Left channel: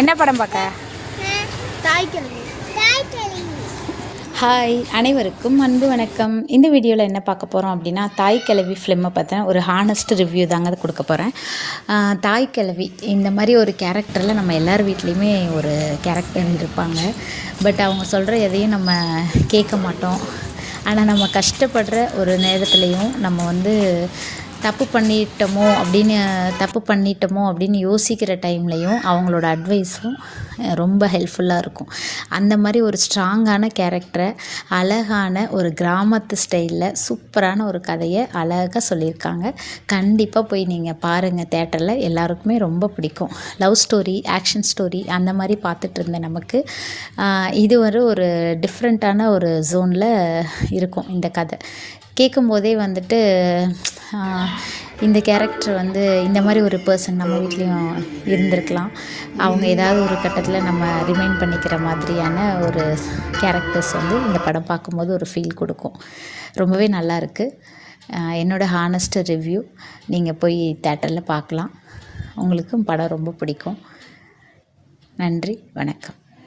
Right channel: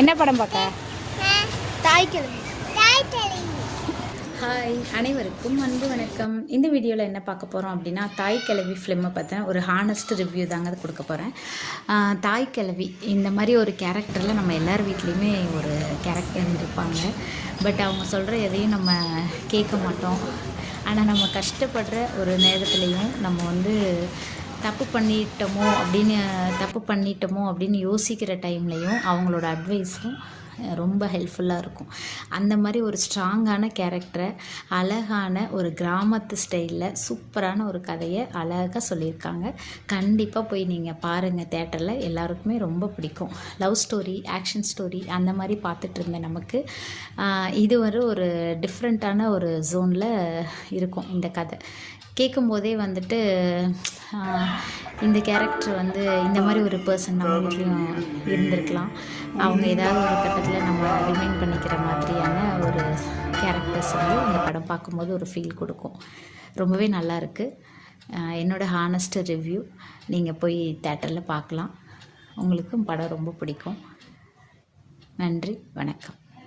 என்ன படம் பார்க்க? ஹாய், அனைவருக்கும் அன்பு வணக்கம். இந்த வீடியோவில் என்ன பார்க்க போகிறோம் அப்படின்னா, தாய் கிழவி ஃபிலிமை பார்த்தேன் ஒரு ஹானஸ்ட் ரிவ்யூ தாங்க கொடுக்க போகிறேன். தாய் கிழவி இந்த மாதிரி ஒரு கேரக்டரில் நம்ம எல்லார் வீட்லேயுமே ஒரு கேரக்டர் இருப்பாங்க. பட் அவங்க சொல்கிற எதையும் நம்ம கேட்க மாட்டோம். ஆனால் நம்ம கஷ்டப்படுற ஒரு நேரத்துலையும் நம்ம வந்து தப்பு பண்ணிட்டோமோ அப்படின்னு யோசிக்கிற டைம்லையும் அவங்களோட அட்வைஸும் ரொம்ப ஹெல்ப்ஃபுல்லாக இருக்கும். அந்த மாதிரி ஒரு ஸ்ட்ராங்கான கேரக்டரை அழகான ஒரு கிராமத்து ஸ்டைலில் சூப்பரான ஒரு கதையை அழகாக சொல்லியிருக்காங்க. கண்டிப்பாக போய் நீங்கள் பாருங்கள். தேட்டரில் எல்லாருக்குமே ரொம்ப பிடிக்கும். லவ் ஸ்டோரி, ஆக்ஷன் ஸ்டோரி அந்த மாதிரி பார்த்துட்டு இருந்த நமக்கு இது ஒரு டிஃப்ரெண்ட்டான ஒரு ஜோனில் இருக்கும் இந்த கதை. கேட்கும்போதே வந்துட்டு இந்த கேரக்டர் வந்து இந்த மாதிரி ஒரு பர்சன் நம்ம வீட்லேயும் இருந்திருக்கலாம். அவங்க ஏதாவது ஒரு கட்டத்தில் நம்ம ரிமைண்ட் பண்ணிக்கிற மாதிரியான ஒரு கேரக்டர்ஸ் வந்து இந்த படம் பார்க்கும்போது ஒரு ஃபீல் கொடுக்கும். ரொம்பவே நல்லாயிருக்கு. என்னோடய ஹானஸ்ட் ரிவ்யூ. நீங்கள் போய் தேட்டரில் பார்க்கலாம். உங்களுக்கும் படம் ரொம்ப பிடிக்கும். நன்றி, வணக்கம்.